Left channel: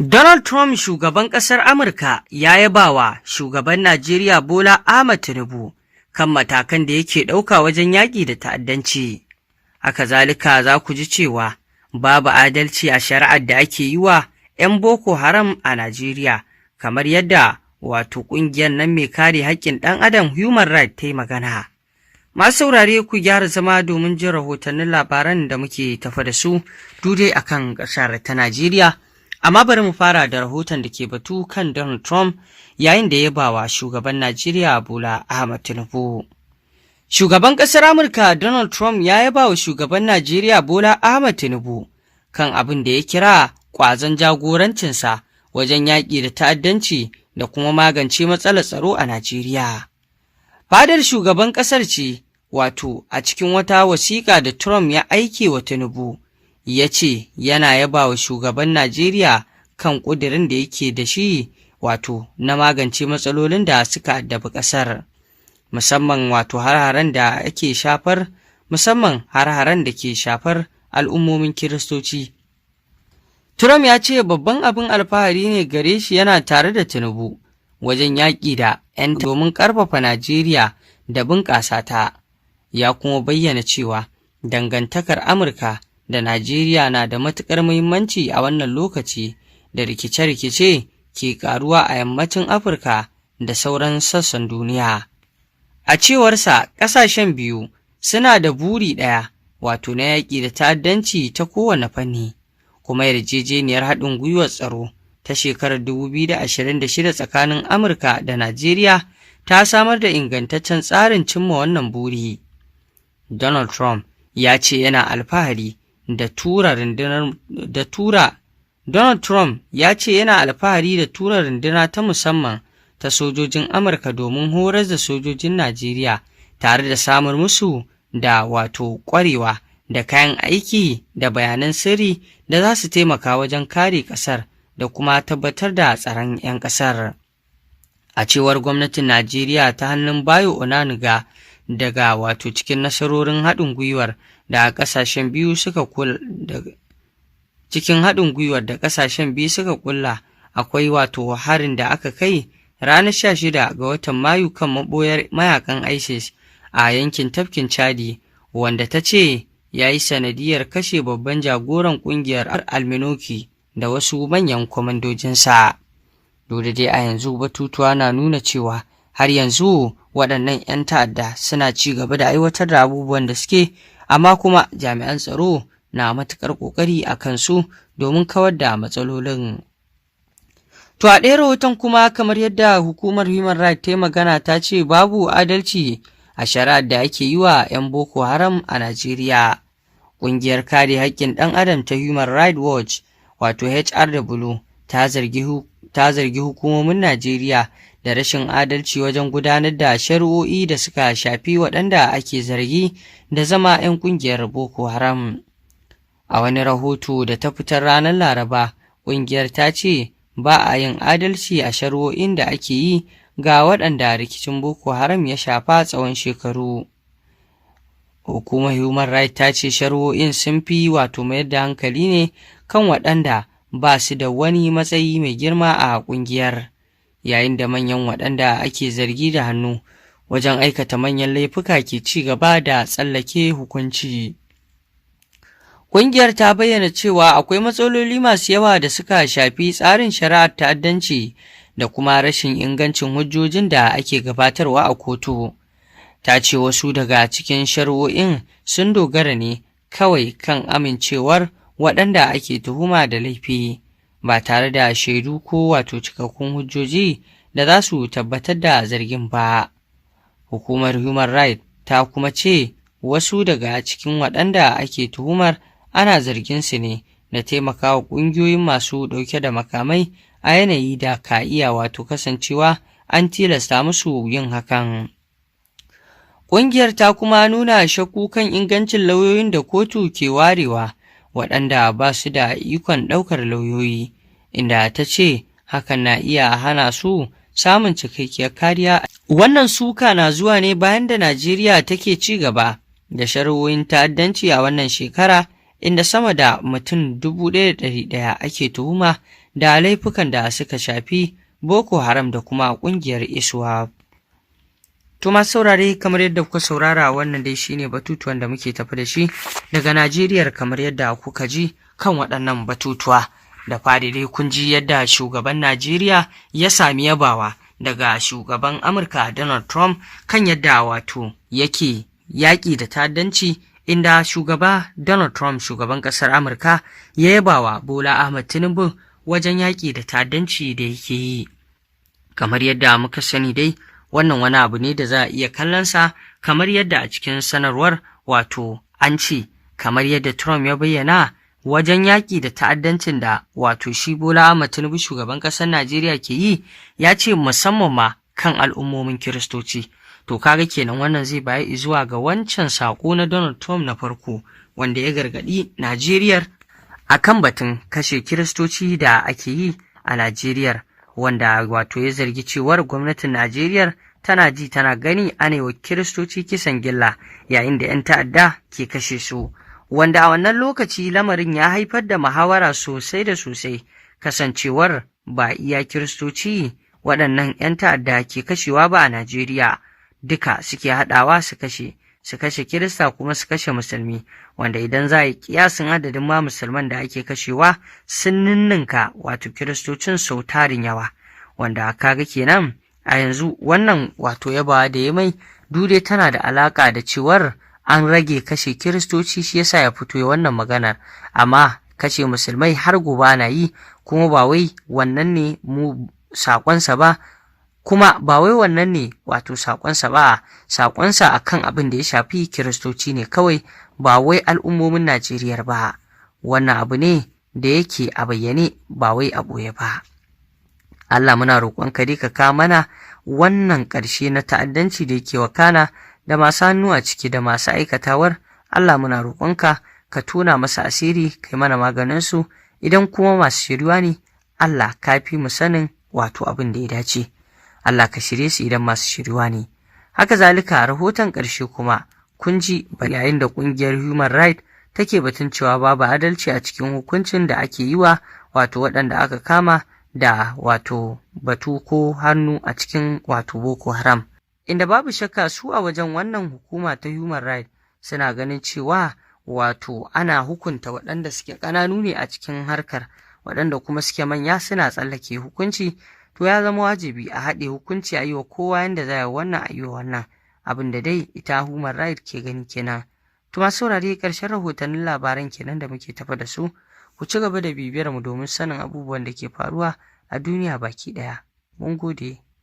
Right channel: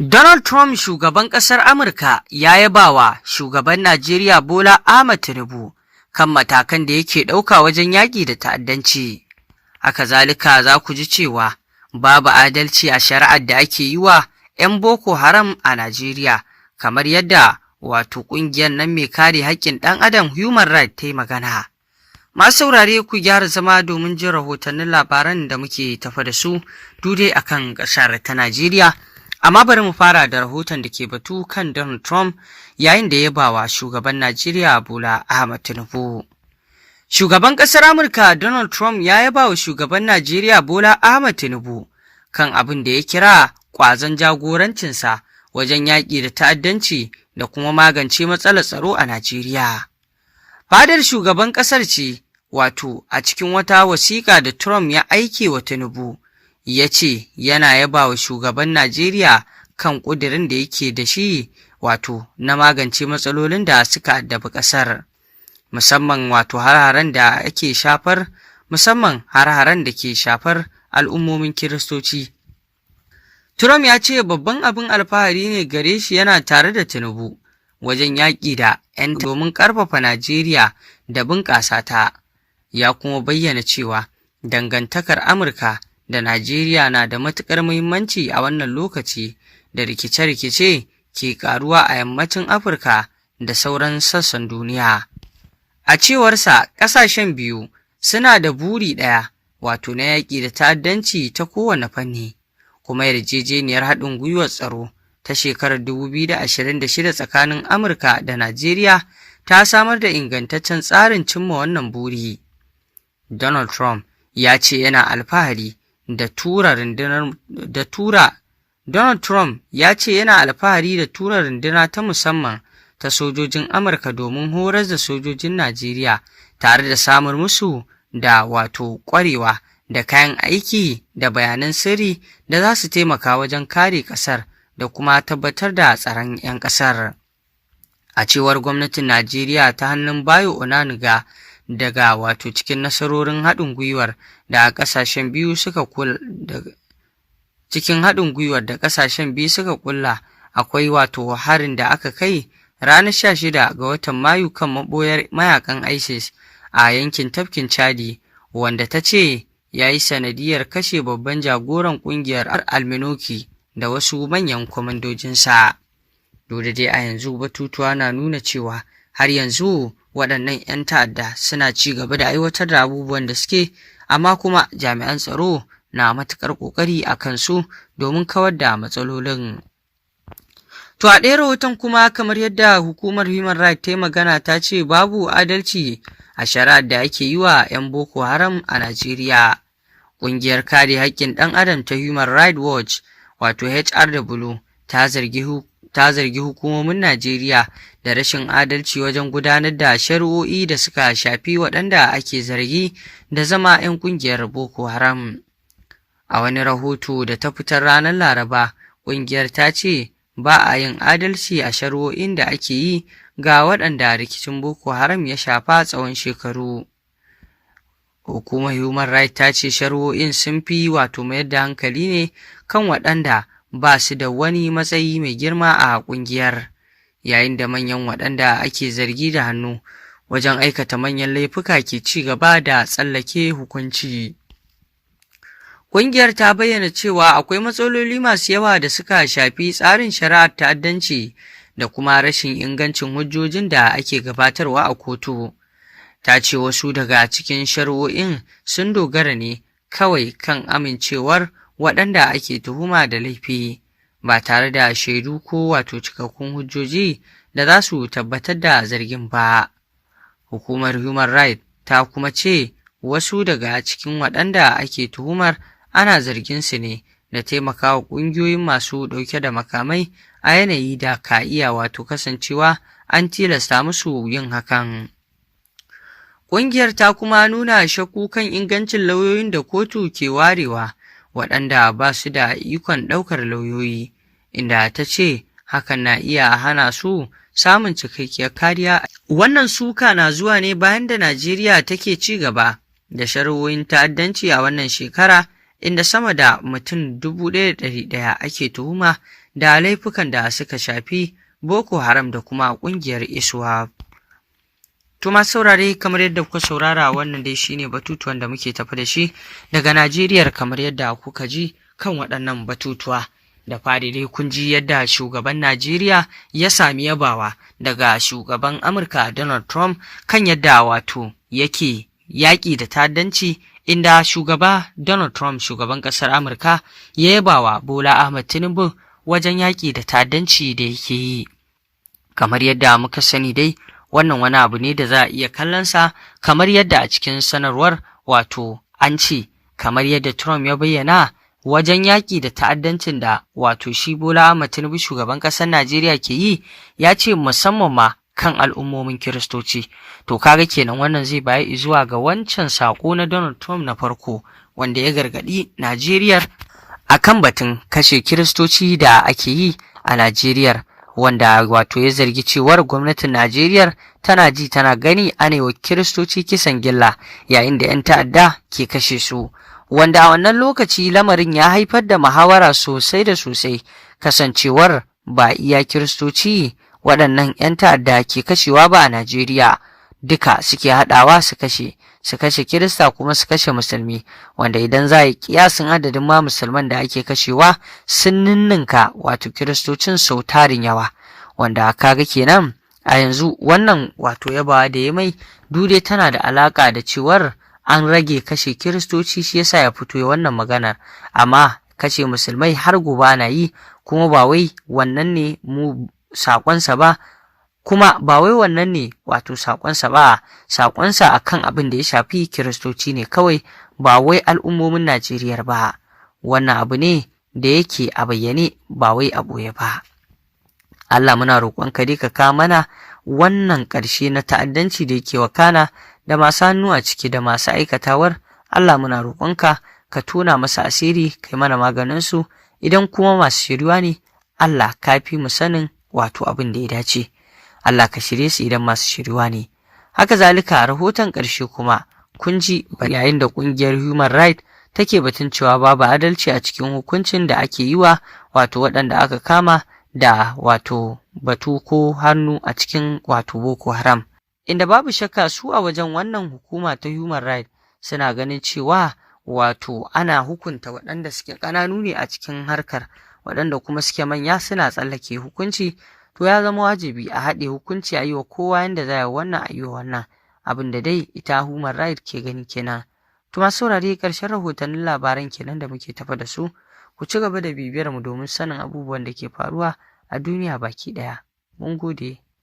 Donald Trump, shugaban ƙasar Amurka, ya yaba wa shugaban Najeriya Bola Ahmed Tinubu kan matakan da yake ɗauka wajen yaƙi da ta'addanci. Haka zalika za ku ji cewa babu adalci a shari'ar da ake yi wa 'yan Boko Haram a Najeriya, kamar yadda ƙungiyar nan mai kare haƙƙin ɗan adam Human Rights ta yi magana. Masu saurare, ku gyara zama domin jin rahotannin labaran da muke tafa da su dudai akan ƙasar ta Najeriya. Amma bari mu fara da rahoton da ke batu kan Donald Trump yayin da ya bawa shugaban Najeriya Bola Ahmed Tinubu. Shugaban ƙasar Amurka Donald Trump ya yaba wa shugaban Najeriya Bola Ahmed Tinubu kan abin da ya kira ƙwazon jagorancinsa wajen yaƙi da ta'addanci da kuma magance matsalar tsaro a Najeriya. Fadar shugaban ƙasar ce a cikin wata wasiƙa da Trump ya aike wa Tinubu, ya ce yana yaba wa shugaban Najeriya kan ƙudirin da yake da shi na magance matsalolin da suka addabi ƙasar, musamman har-haren da ake shafar har-haren da ke shafar al'ummomin Kiristoci. Trump ya ce babban abin alfahari ne gare shi yana tare da Tinubu wajen yaƙi da 'yan domin ƙarfafa Najeriya da bunƙasa ta, ya kuma bayyana cewa dangantakar Amurka da Najeriya na da matuƙar muhimmanci a wannan lokaci da rikice-rikice ke ƙaruwa a yammacin Afirka da sauran sassan duniya. A cewarsa, ƙasashen biyu suna da buri ɗaya, na yaƙi da ta'addanci ta kowane fanni, kuma yarjejeniyar haɗin gwiwar tsaro ta shekarar 2026 tsakanin Amurka da Najeriya ta samar da ingantaccen tsarin cimma wannan buri. Donald Trump ya ce yana alfahari Donald Trump ya ce yana alfahari da tura runduna ta musamman ta sojojin Amurka domin horar da sojojin Najeriya tare da samar musu da ƙwarewa da kayan aiki da bayanan sirri da za su taimaka wajen kare ƙasar da kuma tabbatar da tsaron 'yan ƙasar. A cewar gwamnatin Najeriya ta hannun Bayo Onanuga, daga cikin nasarorin haɗin gwiwar da ƙasashen biyu suka kulla akwai harin da aka kai ranar 16 ga watan Mayu kan maɓoyar mayakan ISIS a yankin tafkin Chadi, wanda ta ce ya yi sanadiyar kashe babban jagoran ƙungiyar Alminoki da wasu manyan kwamandojinsa. Dole dai a yanzu batutuwa na nuna cewa har yanzu waɗannan 'yan ta'adda suna ci gaba da aiwatar da abubuwan da suke, amma kuma jami'an tsaro na matuƙar ƙoƙari a kansu domin kawar da matsalolin. To a ɗaya rahoton kuma, kamar yadda hukumar Human Rights ta yi magana, ta ce babu adalci a shari'ar da ake yi wa 'yan Boko Haram a Najeriya. Ƙungiyar kare haƙƙin ɗan adam ta Human Rights Watch HRW ta zargi hukumomin Najeriya da rashin adalci wajen gudanar da shari'o'i da suka shafi waɗanda ake zargi da zama 'yan ƙungiyar Boko Haram. A wani rahoto da ta fitar ranar Laraba, ƙungiyar ta ce ba a yin adalci a shari'o'in da ake yi ga waɗanda rikicin Boko Haram ya shafa tsawon shekaru. Hukumar Human Rights ta ce shari'o'in sun fi mayar da hankali ne kan waɗanda ba su da wani matsayi mai girma a ƙungiyar, yayin da manyan waɗanda ake zargi da hannu wajen aikata manyan laifuka ke ci gaba da tsallake hukunci. Ƙungiyar ta bayyana cewa akwai matsaloli masu yawa da suka shafi tsarin shari'ar ta'addanci da kuma rashin ingancin hujjojin da ake gabatarwa a kotu. Ta ce wasu daga cikin shari'o'in sun dogara ne kawai kan amincewar waɗanda ake tuhuma da laifi, ba tare da shaidu ko cikakkun hujjoji da za su tabbatar da zargin ba. Hukumar Human Rights ta kuma ce wasu daga cikin waɗanda ake tuhumar ana zargin su ne da taimakawa ƙungiyoyin masu ɗauke da makamai a yanayi da ka iya kasancewa an tilasta musu yin hakan. Ƙungiyar ta kuma nuna shakku kan ingancin lauyoyin da kotu ke warewa waɗanda ba su da ikon ɗaukar lauyoyi, inda ta ce hakan na iya hana su samun cikakkiyar kariya. Wannan suka na zuwa ne bayan da Najeriya take ci gaba da shari'o'in ta'addanci a wannan shekara, inda sama da mutum 1,100 ake tuhuma da laifukan da suka shafi Boko Haram da kuma ƙungiyar ISWAP. To masu saurare, kamar yadda kuka saurara, wannan dai shine batutuwan da muke tafi da shi daga Najeriya, kamar yadda kuka ji kan waɗannan batutuwa. Da fari dai kun ji yadda shugaban Najeriya ya sami yabawa daga shugaban Amurka Donald Trump kan yadda wato yake yaƙi da ta'addanci, inda shugaba Donald Trump, shugaban ƙasar Amurka, ya yabawa Bola Ahmed Tinubu wajen yaƙi da ta'addanci da yake yi. Kamar yadda muka sani dai, wannan wani abu ne da za a iya kallonsa kamar yadda a cikin sanarwar wato an ce, kamar yadda Trump ya bayyana wajen yaƙi da ta'addancin da wato shi Bola Ahmed Tinubu, shugaban ƙasar Najeriya, ke yi, ya ce musamman ma kan al'ummomin Kiristoci. To kaga kenan wannan zai bayi zuwa ga wancan saƙo na Donald Trump na farko, wanda ya gargaɗi Najeriya akan batun kashe Kiristoci da ake yi a Najeriya, wanda wato ya zargi cewar gwamnatin Najeriya tana ji tana gani ana yi wa Kiristoci kisan gilla yayin da 'yan ta'adda ke kashe su, wanda a wannan lokaci lamarin ya haifar da muhawara sosai da sosai, kasancewar ba iya Kiristoci waɗannan 'yan ta'adda ke kashewa ba a Najeriya, duka suke haɗawa su kashe Kirista kuma su kashe Musulmi, wanda idan za a yi kiyasin adadin ma Musulman da ake kashewa sun ninninka wato Kiristocin sau tarin yawa, wanda kaga kenan a yanzu wannan wato yabawa da ya mai dude tana da alaka da cewar an rage kashe Kiristoci, shi yasa ya fito wannan maganar, amma kashe Musulmai har gobe ana yi, kuma ba wai wannan ne mu sakonsa ba, kuma ba wai wannan ne wato sakonsa ba, sakonsa akan abin da ya shafi Kiristoci ne kawai, ba wai al'ummomin Najeriya ba. Wannan abu ne da yake a bayyane, ba wai a ɓoye ba. Allah, muna roƙonka dai ka kawo mana wannan ƙarshe na ta'addanci da yake wakana da masu hannu a ciki da masu aikatawar. Allah, muna roƙonka ka tona masa asiri, kai mana maganin su, idan kuma masu shiriwa ne, Allah ka fi mu sanin wato abin da ya dace. Allah ka shirye su idan masu shiriwa ne. Haka zalika, a rahoton ƙarshe kuma kun ji yayin da ƙungiyar Human Rights take batun cewa babu adalci a cikin hukuncin da ake yi wa wato waɗanda aka kama da wato batu ko hannu a cikin wato Boko Haram, inda babu shakka su a wajen wannan hukuma ta Human Rights suna ganin cewa wato ana hukunta waɗanda suke ƙananu ne a cikin harkar, waɗanda kuma suke manya suna tsallake hukunci. To ya zama wajibi a haɗe hukunci, a yi wa kowa yanda za a yi wannan, a yi wa wannan, abin da dai ita Human Rights ke gani kenan. To masu saurare, ƙarshen rahotannin labaran kenan da muke tafa da su. Ku ci gaba da bibiyar mu domin sanin abubuwan da ke faruwa a duniya baki ɗaya. Mun gode.